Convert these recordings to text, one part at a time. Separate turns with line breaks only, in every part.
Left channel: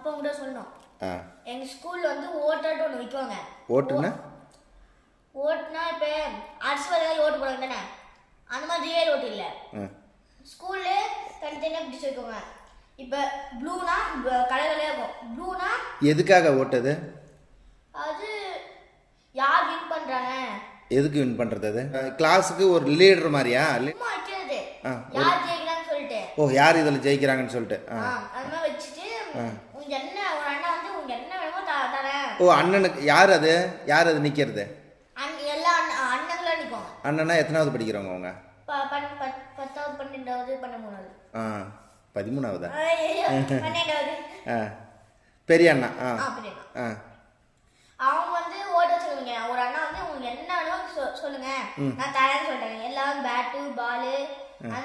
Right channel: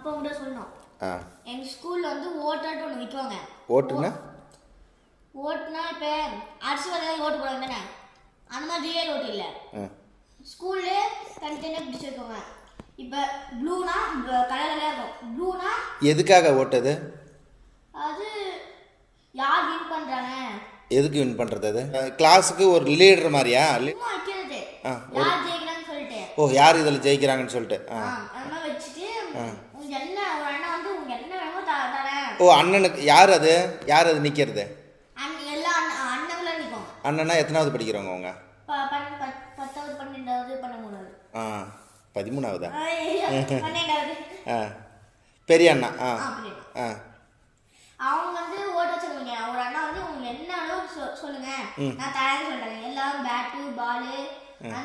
அப்போ உங்கள்கிட்ட சொல்லணும். எங்கள் ஸ்கூலில் வந்து ஓட்டாட்டு ஒன்று வைக்குவாங்க.
ஓட்டுன்னா
ஓட்டுனா இப்போ அரசு வேலையில் ஓட்டு போடுவாங்க தானே? அந்த மாதிரி ரியல் ஓட்டு இல்லை. ஸ்கூலில் தனித்தனியாக பிடிச்சி வைக்குவாங்க. இப்போ ப்ளூனா கலர் கலராக இருக்கும். ப்ளூனா
எதுக்காக ஓட்டுது?
அது யார் வின் பண்ணுறாங்க
எதுக்கு வின் பண்ணுறது அது? கிளாஸுக்கு ஒரு லீடர் மாதிரியா?
யார் ஜெயிக்கிறான்னு சொல்லிட்டு.
ஓ யார் இதில் ஜெயிக்கிறாங்கன்னு சொல்லிட்டு? ஆ.
வச்சுட்டு உங்க என்ன ஒரு அண்ணன் வந்து உங்க என்ன வேணுமோ த தரேன்
ஓ அண்ணனுக்கு யார் அது? யார் அது நிற்கிறது
அண்ணன்
எத்தனாவது படிக்கிறவங்க அவங்க?
பத்தாவது பன்னெண்டாவது பன்னெண்டாவது.
ஆ பதிமூணாவதா? ஆ பெரிய அண்ணா ஆ.
ஆ, அவங்க வந்து ஓட்ட சொல்லுவீங்க ஒரு அண்ணா வந்து உங்க என்ன வேணுமோ சொ- சொல்லுங்க. நான் தரேன்னு சொல்லிட்டாங்க. எல்லாரும் பேட்டு பாலு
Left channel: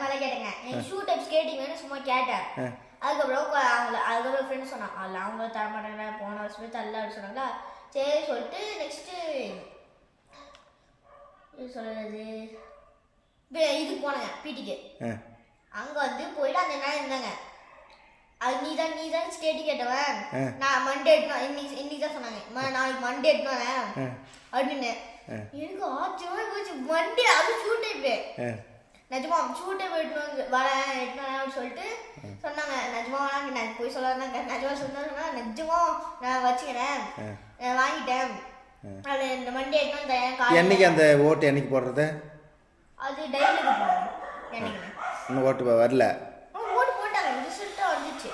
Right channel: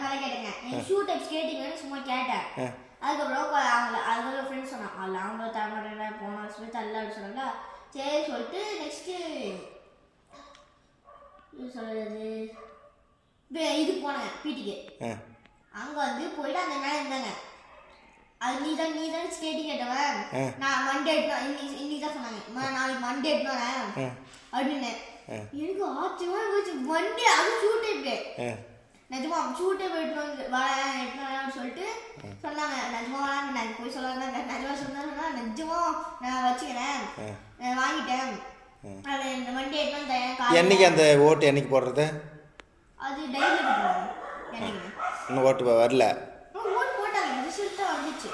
மாதிரி கேட்டேங்க. ஷூ டைப் ஸ்கேட்டிங் வேணும் சும்மா கேட்டேன். அதுக்கப்புறம் அதுக்கப்புறம் ஃப்ரெண்ட்ஸ் சொன்னாங்க அதில் அவங்க தர மாட்டாங்க போன வருஷம் தரல அப்படின்னு சொன்னாங்களா சரி சொல்லிட்டு நெக்ஸ்ட்டு சொல்றது இப்ப இதுக்கு போனாங்க பிடிக்கு அங்கே வந்து போயிட்டு அந்த என்ன இருந்தாங்க அது நீ தான் நீ தான் ஸ்டேட்டு கேட்டவன் நான் மண்டே எடுப்பேன் இன்னைக்கு இன்னைக்கு தான் சொன்னாங்க. "ம- நாளைக்கு மண்டே எடுப்பேன் அப்படின்னு. எனக்கு ஆச்சரியமா போச்சு. மண்டே அது ஷூட் டைப்பு நிஜமா ஷூட் டைப் வந்து வரேன் எடுத்துட்டு வரேன்னு சொல்லிட்டு சொன்னாங்க நிஜமா வேணாங்க நான் போய் சொல்லாங்க நிஜமா சொன்னா சொன்னா நிஜமா நான் வச்சுக்கிறேன் நான் வாங்கிட்டேன் அது இந்த மண்டே தரேன்
என்னைக்கு அந்த ஓட்டு என்னைக்கு போடுறது?
அது டைரி
இன்னும் ஓட்டு வரல.
ஓட்டு போட்டாங்க. ரிசல்ட்டாக வந்துச்சு.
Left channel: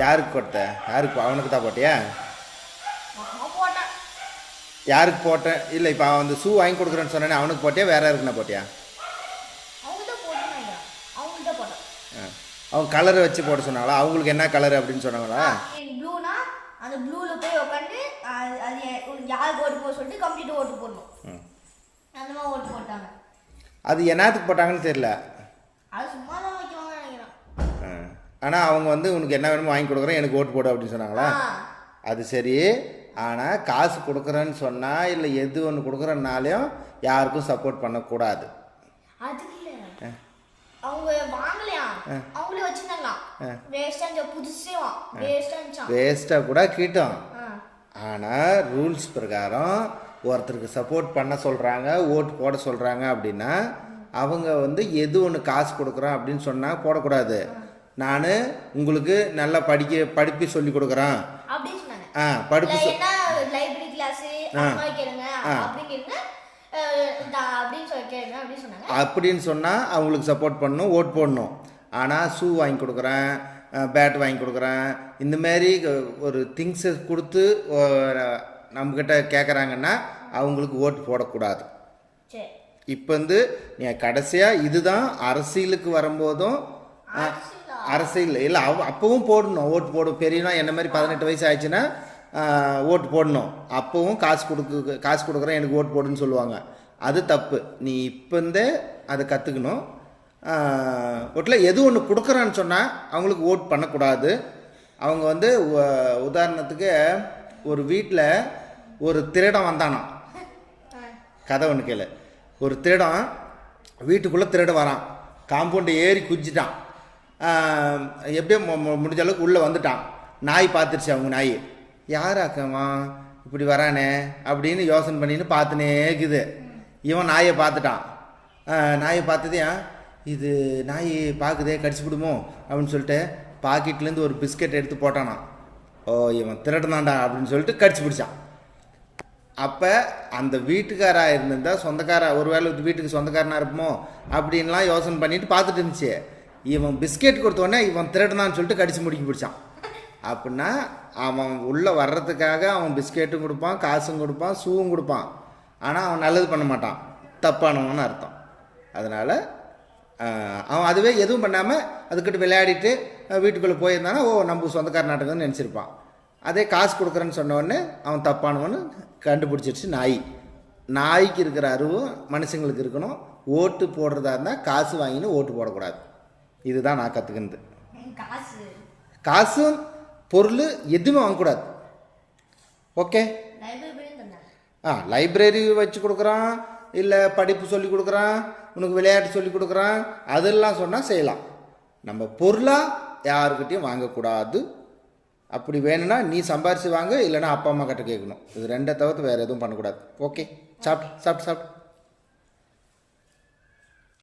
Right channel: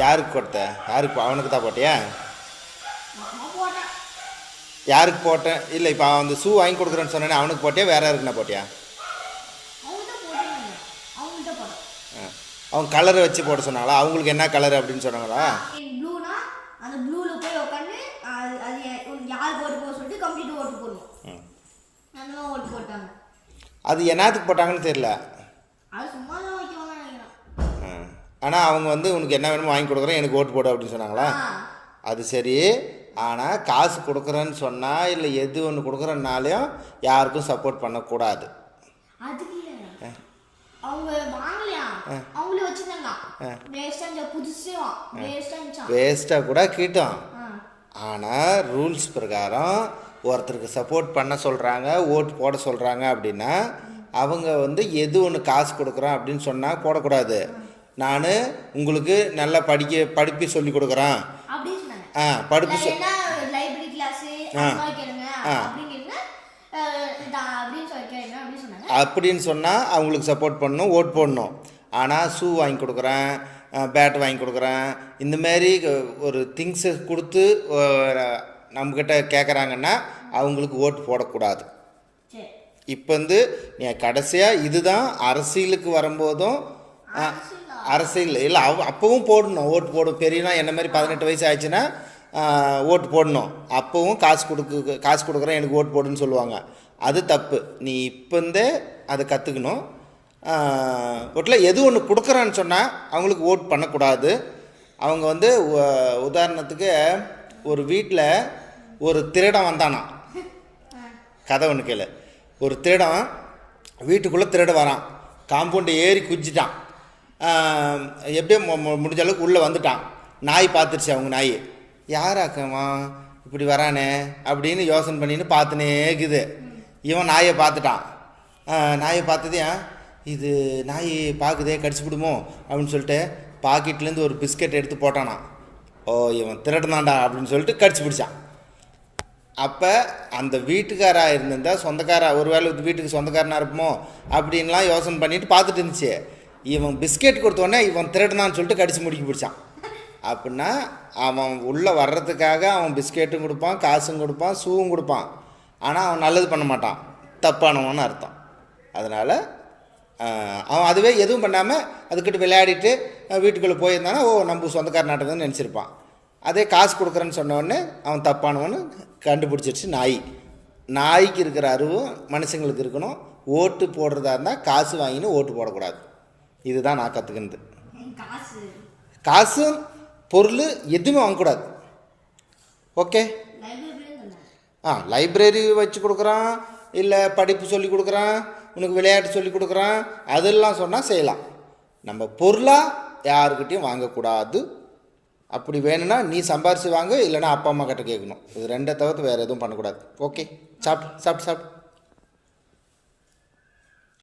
யாருக்கு கொடுத்த யாருக்கு அவனுக்கு தான் போட்டியா? யாருக்கு போட்டேன் இல்லை இப்போ அவன் அந்த ஷூ வாங்கி கொடுக்குறேன்னு சொன்னேனே அவனுக்கு போட்டியா? வேற யாருக்குண்ணா போட்டியா?
அவங்க தான் போட்டாங்க அவங்க தான் போட்டேன்
அவன் கலர் வச்சு போட சொன்னாங்களா அவங்களுக்கு என்ன கலர் அப்படின்னு சொன்னாங்களா?
ப்ளூனா அந்த ப்ளூவில் போய் உட்காந்து அது அது யாருக்கு ஓட்டு போட சொல்லிட்டு கம்ப்ளீட் ஓட்டு போடணும்.
ம்.
அந்த மாதிரி ஓட்டு போட்டாங்க.
அது என்னத்துக்கு போட்டாங்கன்னு தெரியல.
அது சும்மா தான் வைக்குவாங்க நினைக்கிறேன்
ஆனால் அவங்க வந்து உனக்கு என்ன வேணுமோ வாங்கி கொடுக்குறேன் எனக்கு ஓட்டு போடு அப்படின்னு சொன்னாங்களா? அது சரி. ஆனால் காசு கொடுக்குறேன்னு சொன்னால் இல்லை எது ஒன்று கொடுக்குறனாலையும் யாருக்கும் சப்போர்ட் பண்ணக்கூடாது.
அதுக்கு அவங்க வாங்கலையா? அவங்களே வச்சிருந்தாங்க வேஸ்ட்டாக இருந்துச்சா? புதுசே இருந்துச்சான்
வேஸ்ட்டாக கூட கீட்டும்.
ஆ.
ஆனால் ரூல்ஸ் பிரகாரம் ஒருத்தருக்கு சப்போர்ட் பண்ண சொல்கிறாங்க ஓட்டு போட சொல்கிறாங்க அப்படின்னா அவங்க வந்து எது ஒன்று காசு கொடுக்குறோம் அப்படின்னு சொன்னால் போடக்கூடாது. நான் உங்களுக்கு நல்லா படிக்க படிப்பு சொல்லி கொடுக்குறேன். ஆ படிப்பு சொ
என்ன அப்படின்னு
சொன்னால் அவங்களுக்கு சப்போர்ட் பண்ணணும் ஓட் போடணும். ஆனால் ஷூ வாங்கி கொடுக்குறேன் பேட் வாங்கி கொடுக்குறேன். இந்தமாரி ஒரு திங்ஸை கொடுத்து நம்மக்கிட்ட கேட்குறாங்கன்னா அவங்களுக்கு ஓட்டு போடக்கூடாது. இப்போ வந்து கடைசியாக இதுதான் அரசியலுக்கு வரும்போதும் அரசியல்? இல்லை அவ அப்போவும் போடணும் ஓட்டு போடும் பெரியனா என்ன மாதிரி பதினெட்டு வயசு ஆயிடுச்சுன்னா ஓட்டு போடணும். அப்போவும் காசு கொடுக்கு காசு கொடுக்குறேன் எனக்கு ஓட்டு போடுன்னு சொல்லுவாங்க. அது தப்பு. நீ இப்போந்தே அதை கற்றுக்கணும் ஓட்டில் எது ஒன்று கொடுக்குறேன்னு சொன்னால் அவங்களுக்கு ஓட் பண்ணக்கூடாது. அவங்க வந்து உதாரணத்துக்கு ஒரு வீட்டில் ஒரு திருடம் வந்தானா? கதை ஒன்று கேளு. ஒரு திருடம் வீட்டுக்குள்ளே திருட வரான். காம்பவுண்டு ஏறி குதிச்சிட்டான். எப்படியும் எப்படியோ முடிஞ்ச அளவுக்கு உள்ளே வந்துட்டான். நாய் பார்த்துருச்சு அவங்க நாய். யார் யாராக்கவன் இப்படி வரானே? அப்படின்னு யோசனை பண்ணின்னு பார்த்துனே இருக்குது. இவன் நாயை பார்த்துட்டான். நாயை பார்த்தது இது நாய் பார்க்குதே கடிச்சு விடுமோ அப்படின்னு சொல்லிட்டு பாக்கெட்லேருந்து ஒரு பிஸ்கட் எடுத்து போட்டானான் ஓ இவன் திருடனாண்டா அப்படின்னு சொல்லிட்டு கடிச்சு பிடிச்சான். அப்போ அந்த வீட்டுக்காராக இருந்திருந்தா சொந்தக்காரா ஒருவேளை வீட்டுக்கு சொந்தக்காரனாக இருப்போமோ? அப்படின்லாம் யோசனை பண்ணிட்டு பார்த்துட்டு இருந்துச்சு. இவன் பிஸ்கெட் கொடுத்தோடனே இவன் திருடனான்னு சொல்லிட்டு கடிச்சு முடிக்க பிடிச்சான். அப்படின்னா அவன் உள்ளே வர்றதுக்காக அவன் பிஸ்கெட்டும் கொடுப்பான் காசும் கொடுப்பான் ஷூவும் கொடுப்பான். ஆனால் அவன் நல்லது பண்ண மாட்டான். தப்பானவன்னு அர்த்தம். அதனால் அவன் அதுவே எதுவும் பண்ணாமல் அதுக்கிட்ட விளையாடிட்டு வீட்டுக்குள்ளே போயிருந்தானா ஓ நம்ம சொந்தக்கார நாட்டுக்குன்னு நினச்சிருப்பான். அதே காசு கொடுக்குறேன்னு சொன்ன உடனே அவன் தப்பானவன்னு கண்டுபிடிச்சிருச்சு நாய். நாய்க்கு இருக்கிற அறிவும் மனுஷங்களுக்கு இருக்கணும். ஓட்டு போடுறதா இருந்தால் காசு வாங்கின்னு ஓட்டு போடக்கூடாது. இதுதான் நான் கற்றுக்கினது
காசு.
காசும் பொருள் எதுவுமே வாங்கக்கூடாது. ஓகே ஆ லைப்ரரி வச்சு கொடுக்குறான் இல்லை படிப்பு சொல்லி கொடுக்குறான் உனக்கு விளையாட்டு சொல்லி கொடுக்குறான் அதெல்லாம் சொன்னால் செய்யலாம். நம்ம பொருளாக யாருக்கிட்டையும் வாங்கக்கூடாது. அப்படி வேணும்னா நீ சம்பாரிச்சு வாங்க இல்லைன்னா அப்பா அம்மா கிட்ட கேட்கணும். இது ரெண்டை தவிர்த்து வேறு எதுவும் பண்ணக்கூடாது. ஓகே சாப்பிட்டு சாப்பிட்டு சாப்பிட்டு